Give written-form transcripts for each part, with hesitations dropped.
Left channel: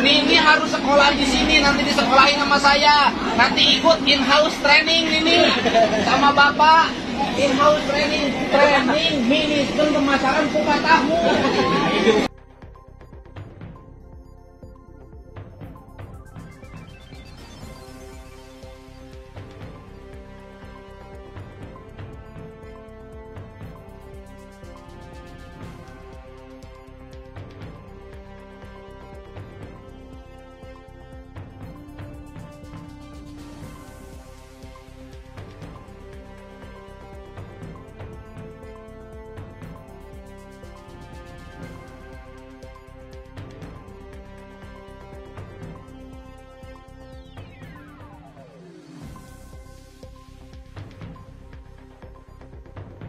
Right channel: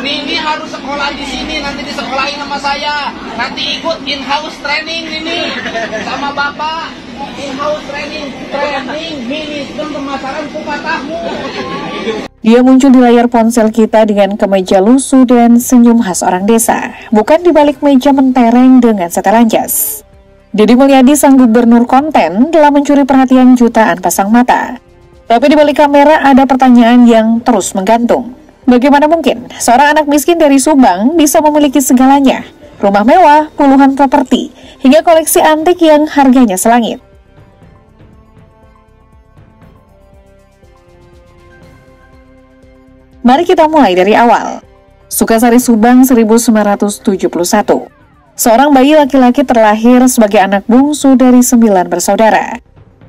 Nini harus sekolah di sini, nanti disekolahin sama saya. Nanti ikut in-house training Nini sama Bapak. In-house training manajemen pemasaran kupat tahu. Dia muncul di layar ponsel kita dengan kemeja lusuh dan senyum khas orang desa, bukan di balik meja mentereng dengan setelan jas. Deddy Mulyadi, sang gubernur konten, telah mencuri perhatian jutaan pasang mata. Tapi di balik kamera ada pertanyaan yang terus menggantung. Bagaimana mungkin seorang anak miskin dari Subang bisa memiliki segalanya? Rumah mewah, puluhan properti, hingga koleksi antik yang harganya selangit. Mari kita mulai dari awal. Sukasari, Subang, 1971. Seorang bayi laki-laki terlahir sebagai anak bungsu dari 9 bersaudara.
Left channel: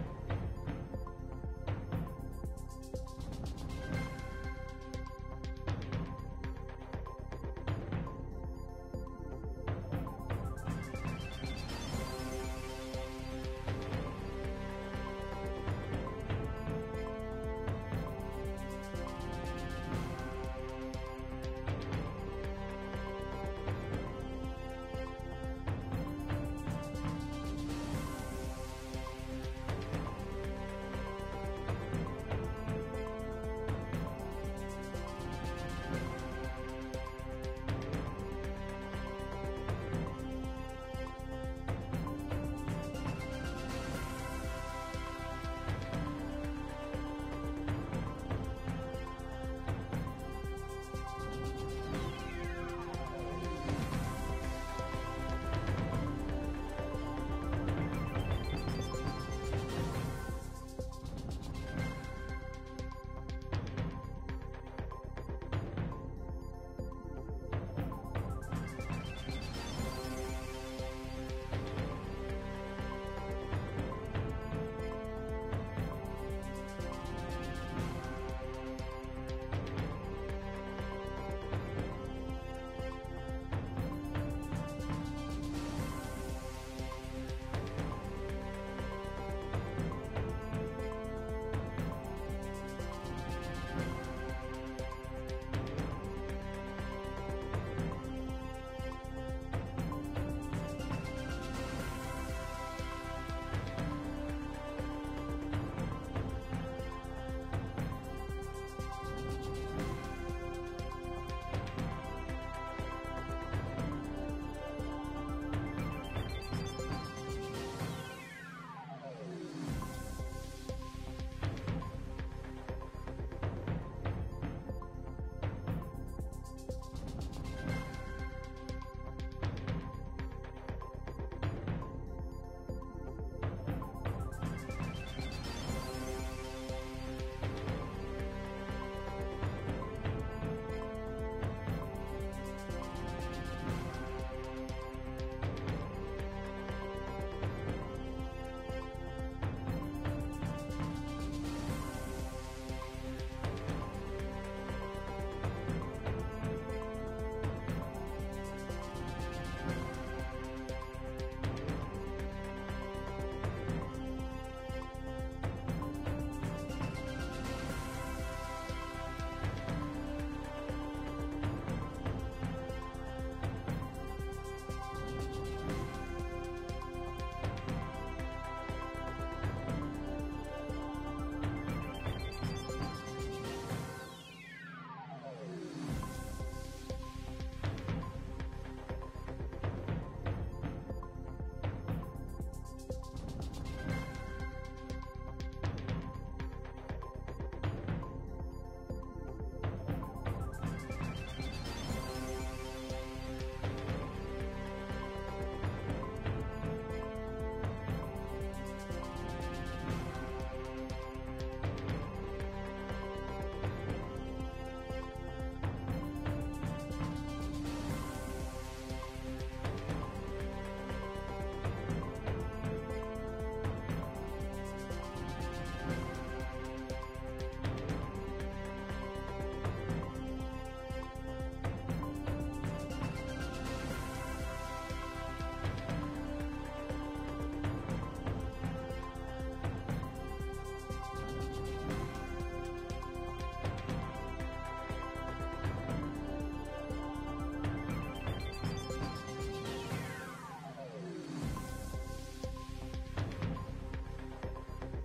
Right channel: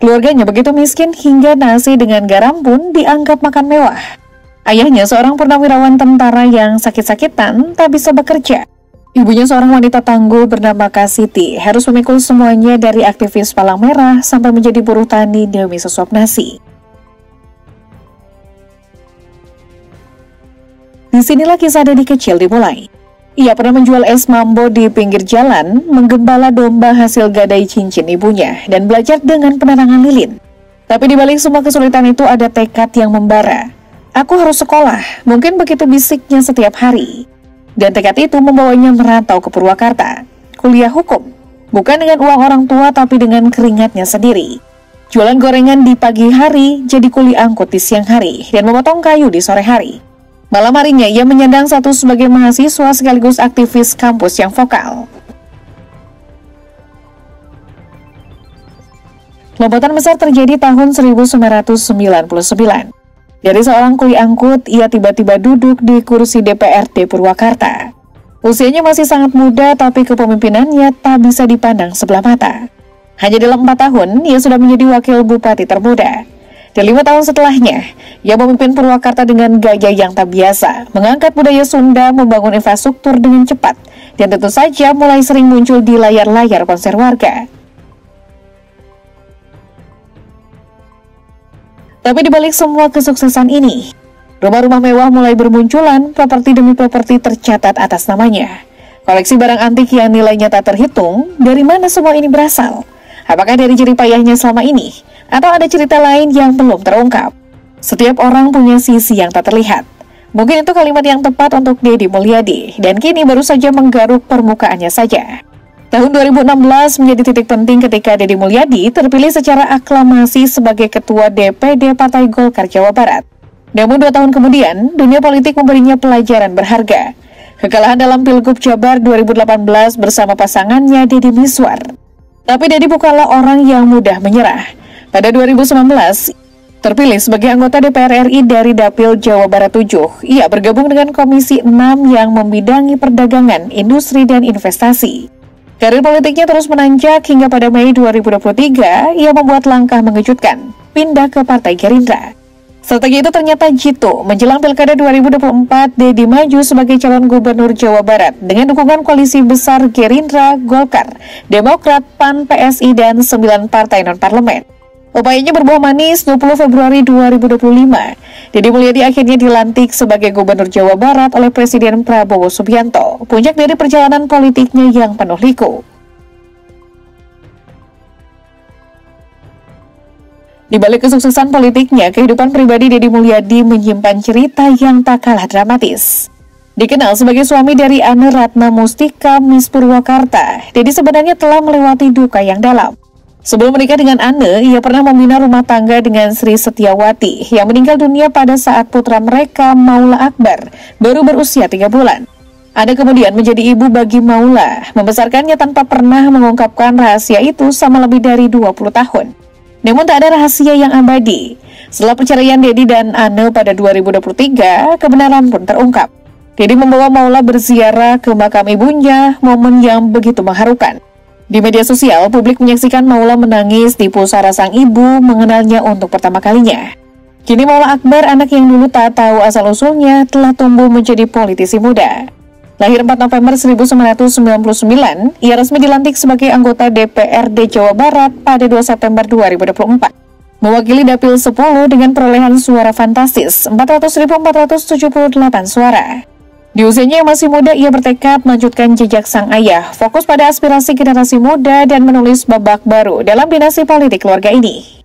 Keluarganya begitu miskin hingga nasi dengan garam pun dianggap makan mewah. Ayahnya seorang purnawirawan tentara yang sakit-sakitan tak bisa bekerja. Ibunya seorang wanita tangguh bernama Kasiti, harus memikul semuanya dari aktivis Palang Merah sampai menjadi buruh tani demi sesuap nasi. Disinilah kisah Deddy kecil dimulai. Ia pernah menjual es mambo di pinggir jalan, menggembala domba hasil gadai cincin ibunya, dan belajar dengan penerangan lilin. Tapi di balik semua kesulitan itu ada tekad yang membara. Aku harus sekolah, mungkin begitu bisiknya setiap hari. Dan tekad itu membawanya merantau ke Purwakarta, kuliah hukum. Bukan dengan uang orang tua tapi dengan keringatnya sendiri. Jualan gorengan di pagi hari, jadi kuli angkut di siang hari, dan memotong kayu di sore hari. Malam harinya ia menyandang status sebagai mahasiswa sekaligus aktivis kampus yang vokal. Lompatan besar terjadi tahun 1999. Dari seorang kuli angkut, ia tiba-tiba duduk di kursi DPRD Purwakarta. Usianya masih sangat muda, tapi kepemimpinannya tak bisa dipandang sebelah mata. Hanya dalam 4 tahun, ia sudah menjadi wakil bupati termuda. Dan 5 tahun setelahnya, ia memimpin Purwakarta dengan gaya yang tak biasa, mengangkat budaya Sunda, membangun infrastruktur dengan cepat, dan tentu saja mulai sering muncul di layar-layar konser warga. Tapi di balik semua kesuksesan ini, rumah-rumah mewah mulai bermunculan, properti demi properti tercatat atas namanya. Koleksi barang antik yang nilainya tak terhitung, dari mana semua ini berasal? Apakah dari jerih payahnya selama ini? Atau ada cerita lain yang belum terungkap? Setiap orang punya sisi yang tak terlihat. Mungkin itu kalimat yang tepat untuk Deddy Mulyadi, dan kini baru saja menggaruk permukaannya saja. Tahun 2016 menjadi titik penting ketika Deddy Mulyadi terpilih secara aklamasi sebagai Ketua DPD Partai Golkar Jawa Barat. Namun 2 tahun kemudian, dunia politik memberinya pelajaran berharga. Kekalahan dalam Pilgub Jabar 2018 bersama pasangannya Deddy Mizwar. Tapi Deddy bukanlah orang yang mudah menyerah. Pada 2019, terpilih sebagai anggota DPR RI dari Dapil Jawa Barat 7, ia bergabung dengan Komisi 6 yang membidangi perdagangan, industri, dan investasi. Karir politiknya terus menanjak hingga pada Mei 2023, ia membuat langkah mengejutkan, pindah ke Partai Gerindra. Strategi itu ternyata jitu. Menjelang Pilkada 2024, Deddy maju sebagai calon gubernur Jawa Barat dengan dukungan koalisi besar Gerindra, Golkar, Demokrat, PAN, PSI, dan 9 partai non-parlemen. Upayanya berbuah manis. 20 Februari 2025, Deddy Mulyadi akhirnya dilantik sebagai Gubernur Jawa Barat oleh Presiden Prabowo Subianto, puncak dari perjalanan politiknya yang penuh liku. Di balik kesuksesan politiknya, kehidupan pribadi Deddy Mulyadi menyimpan cerita yang tak kalah dramatis. Dikenal sebagai suami dari Anne Ratna Mustika, Miss Purwakarta, Deddy sebenarnya telah melewati duka yang dalam. Sebelum menikah dengan Anne, ia pernah membina rumah tangga dengan Sri Setiawati yang meninggal dunia pada saat putra mereka, Maula Akbar, baru berusia 3 bulan. Anne kemudian menjadi ibu bagi Maula, membesarkannya tanpa pernah mengungkapkan rahasia itu selama lebih dari 20 tahun. Namun tak ada rahasia yang abadi. Setelah perceraian Deddy dan Anne pada 2023, kebenaran pun terungkap. Deddy membawa Maula berziarah ke makam ibunya, momen yang begitu mengharukan. Di media sosial, publik menyaksikan Maula menangis di pusara sang ibu mengenalnya untuk pertama kalinya. Kini Maula Akbar, anak yang dulu tak tahu asal-usulnya, telah tumbuh menjadi politisi muda. Lahir 4 November 1999, ia resmi dilantik sebagai anggota DPRD Jawa Barat pada 2 September 2024. Mewakili Dapil 10 dengan perolehan suara fantastis 400.478 suara. Di usianya yang masih muda, ia bertekad melanjutkan jejak sang ayah, fokus pada aspirasi generasi muda dan menulis babak baru dalam dinasti politik keluarga ini.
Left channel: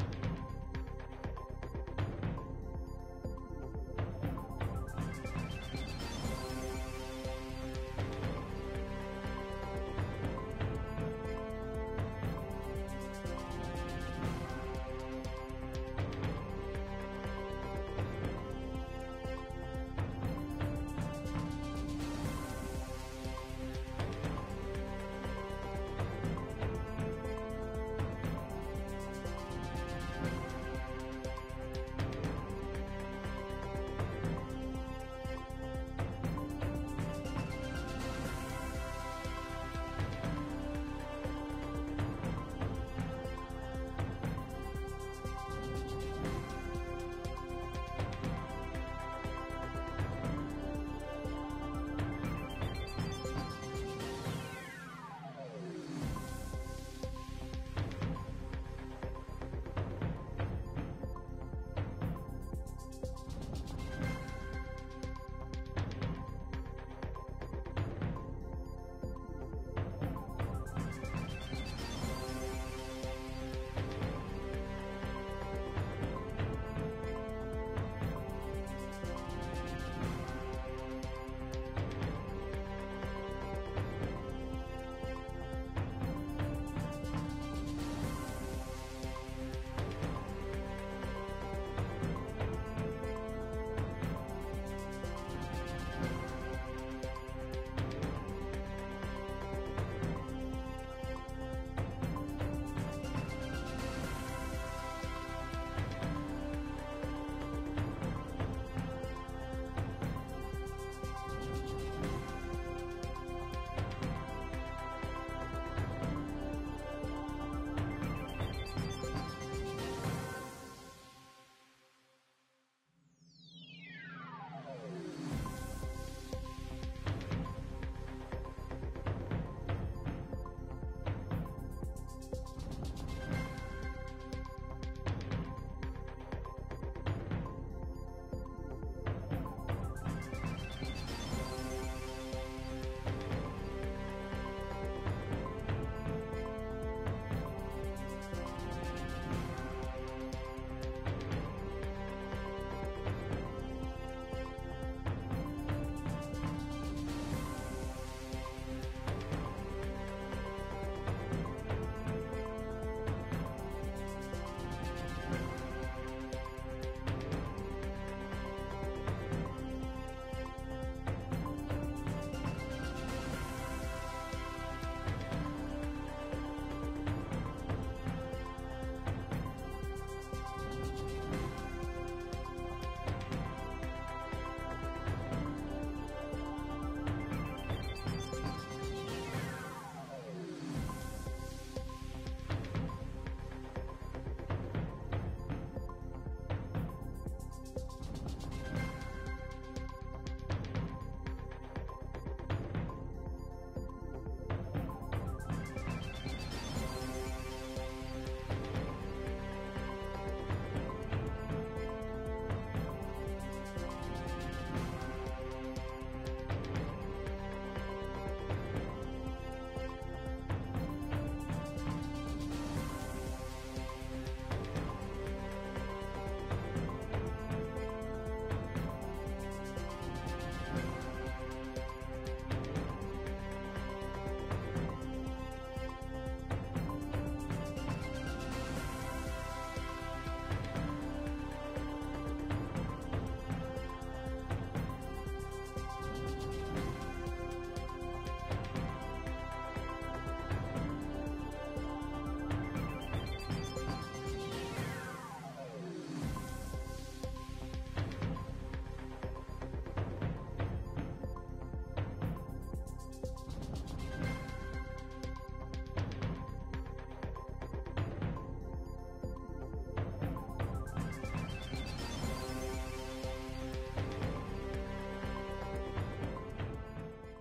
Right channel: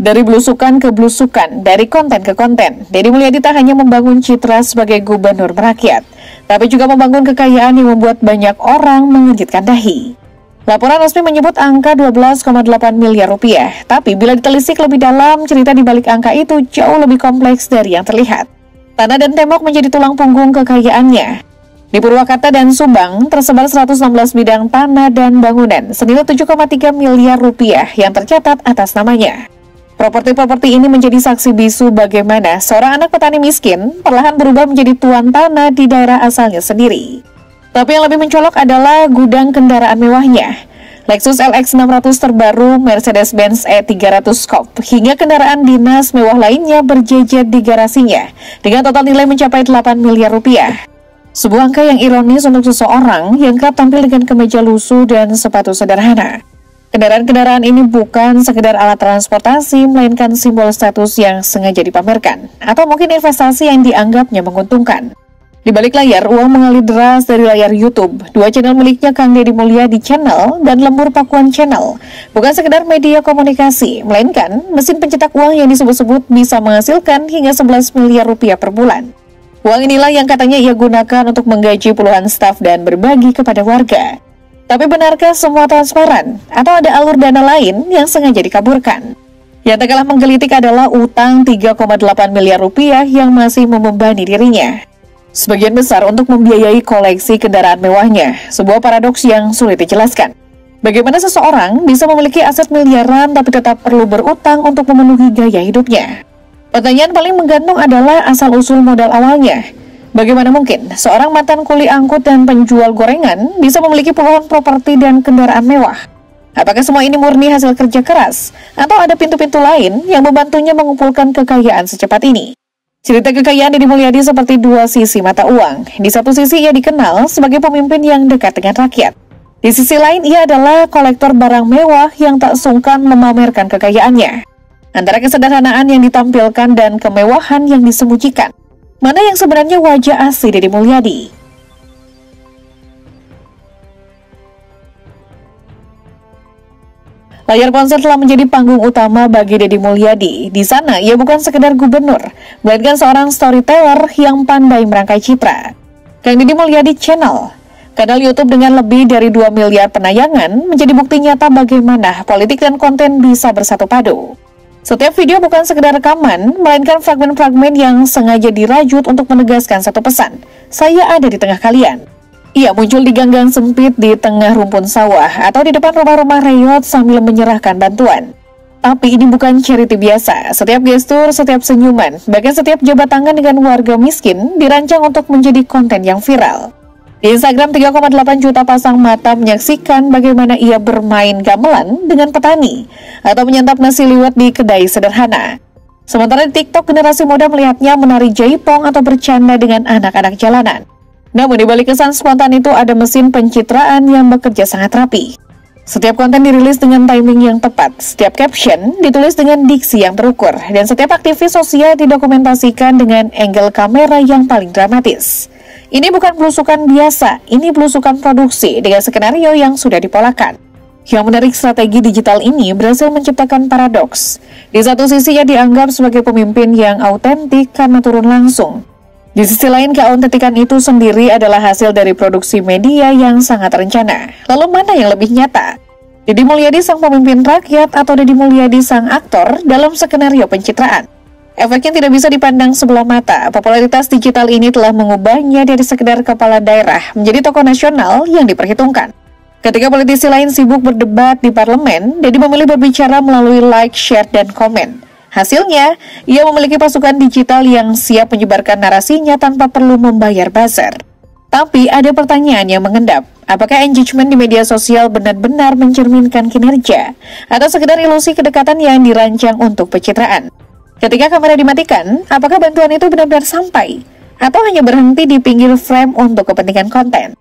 Dari belusukan ke belusukan, dari konten ke konten, Deddy Mulyadi tak hanya membangun citra sebagai gubernur merakyat, tapi juga membangun kekayaan yang membuat banyak orang mengejutkan dahi. Laporan resmi menyebut angka 12,8 miliar rupiah, tapi bila ditelisik lebih dalam, cerita di balik angka itu jauh lebih kompleks dari yang terlihat. Tanah dan tembok menjadi tulang punggung kekayaannya. Di Purwakarta dan Subang, tersebar 116 bidang tanah dan bangunan senilai 7,3 miliar rupiah yang tercatat atas namanya. Properti-properti ini menjadi saksi bisu bagaimana seorang anak petani miskin perlahan berubah menjadi tuan tanah di daerah asalnya sendiri. Tapi yang lebih mencolok adalah gudang kendaraan mewahnya. Lexus LX 600 terbaru, Mercedes-Benz E300 Coupe, hingga kendaraan dinas mewah lainnya berjejer di garasinya dengan total nilai mencapai 8 miliar rupiah. Sebuah angka yang ironis untuk seseorang yang kerap tampil dengan kemeja lusuh dan sepatu sederhana. Kendaraan-kendaraan ini bukan sekedar alat transportasi, melainkan simbol status yang sengaja dipamerkan, atau mungkin investasi yang dianggapnya menguntungkan. Di balik layar, uang mengalir deras dari layar YouTube. Dua channel miliknya, Kang Deddy Mulyadi Channel dan Lembur Pakuan Channel, bukan sekedar media komunikasi, melainkan mesin pencetak uang yang disebut-sebut bisa menghasilkan hingga 11 miliar rupiah per bulan. Uang inilah yang katanya ia gunakan untuk menggaji puluhan staf dan berbagi kepada warga. Tapi benarkah semua transparan? Atau ada alur dana lain yang sengaja dikaburkan? Yang tak kalah menggelitik adalah utang 3,8 miliar rupiah yang masih membebani dirinya. Sebagian besar untuk membiayai koleksi kendaraan mewahnya, sebuah paradoks yang sulit dijelaskan. Bagaimana seseorang bisa memiliki aset miliaran tapi tetap perlu berutang untuk memenuhi gaya hidupnya? Pertanyaan paling menggantung adalah asal-usul modal awalnya. Bagaimana mungkin seorang mantan kuli angkut dan penjual gorengan bisa memiliki puluhan properti dan kendaraan mewah? Apakah semua ini murni hasil kerja keras? Atau ada pintu-pintu lain yang membantunya mengumpulkan kekayaan secepat ini? Cerita kekayaan Deddy Mulyadi seperti dua sisi mata uang. Di satu sisi ia dikenal sebagai pemimpin yang dekat dengan rakyat. Di sisi lain ia adalah kolektor barang mewah yang tak sungkan memamerkan kekayaannya. Antara kesederhanaan yang ditampilkan dan kemewahan yang disembunyikan, mana yang sebenarnya wajah asli Deddy Mulyadi? Layar ponsel telah menjadi panggung utama bagi Deddy Mulyadi. Di sana, ia bukan sekedar gubernur, melainkan seorang storyteller yang pandai merangkai citra. Kang Deddy Mulyadi Channel, kanal YouTube dengan lebih dari 2 miliar penayangan, menjadi bukti nyata bagaimana politik dan konten bisa bersatu padu. Setiap video bukan sekedar rekaman, melainkan fragmen-fragmen yang sengaja dirajut untuk menegaskan satu pesan. Saya ada di tengah kalian. Ia muncul di gang-gang sempit di tengah rumpun sawah atau di depan rumah-rumah reot sambil menyerahkan bantuan. Tapi ini bukan charity biasa. Setiap gestur, setiap senyuman, bahkan setiap jabat tangan dengan warga miskin dirancang untuk menjadi konten yang viral. Di Instagram, 3,8 juta pasang mata menyaksikan bagaimana ia bermain gamelan dengan petani atau menyantap nasi liwet di kedai sederhana. Sementara di TikTok, generasi muda melihatnya menari jaipong atau bercanda dengan anak-anak jalanan. Namun di balik kesan spontan itu ada mesin pencitraan yang bekerja sangat rapi. Setiap konten dirilis dengan timing yang tepat, setiap caption ditulis dengan diksi yang terukur, dan setiap aktivis sosial didokumentasikan dengan angle kamera yang paling dramatis. Ini bukan belusukan biasa, ini belusukan produksi dengan skenario yang sudah dipolakan. Yang menarik, strategi digital ini berhasil menciptakan paradoks. Di satu sisi ia dianggap sebagai pemimpin yang autentik karena turun langsung. Di sisi lain, keautentikan itu sendiri adalah hasil dari produksi media yang sangat terencana. Lalu mana yang lebih nyata? Deddy Mulyadi sang pemimpin rakyat atau Deddy Mulyadi sang aktor dalam skenario pencitraan? Efeknya tidak bisa dipandang sebelah mata. Popularitas digital ini telah mengubahnya dari sekedar kepala daerah menjadi tokoh nasional yang diperhitungkan. Ketika politisi lain sibuk berdebat di parlemen, Deddy memilih berbicara melalui like, share, dan komen. Hasilnya, ia memiliki pasukan digital yang siap menyebarkan narasinya tanpa perlu membayar buzzer. Tapi ada pertanyaan yang mengendap. Apakah engagement di media sosial benar-benar mencerminkan kinerja? Atau sekedar ilusi kedekatan yang dirancang untuk pencitraan? Ketika kamera dimatikan, apakah bantuan itu benar-benar sampai? Atau hanya berhenti di pinggir frame untuk kepentingan konten?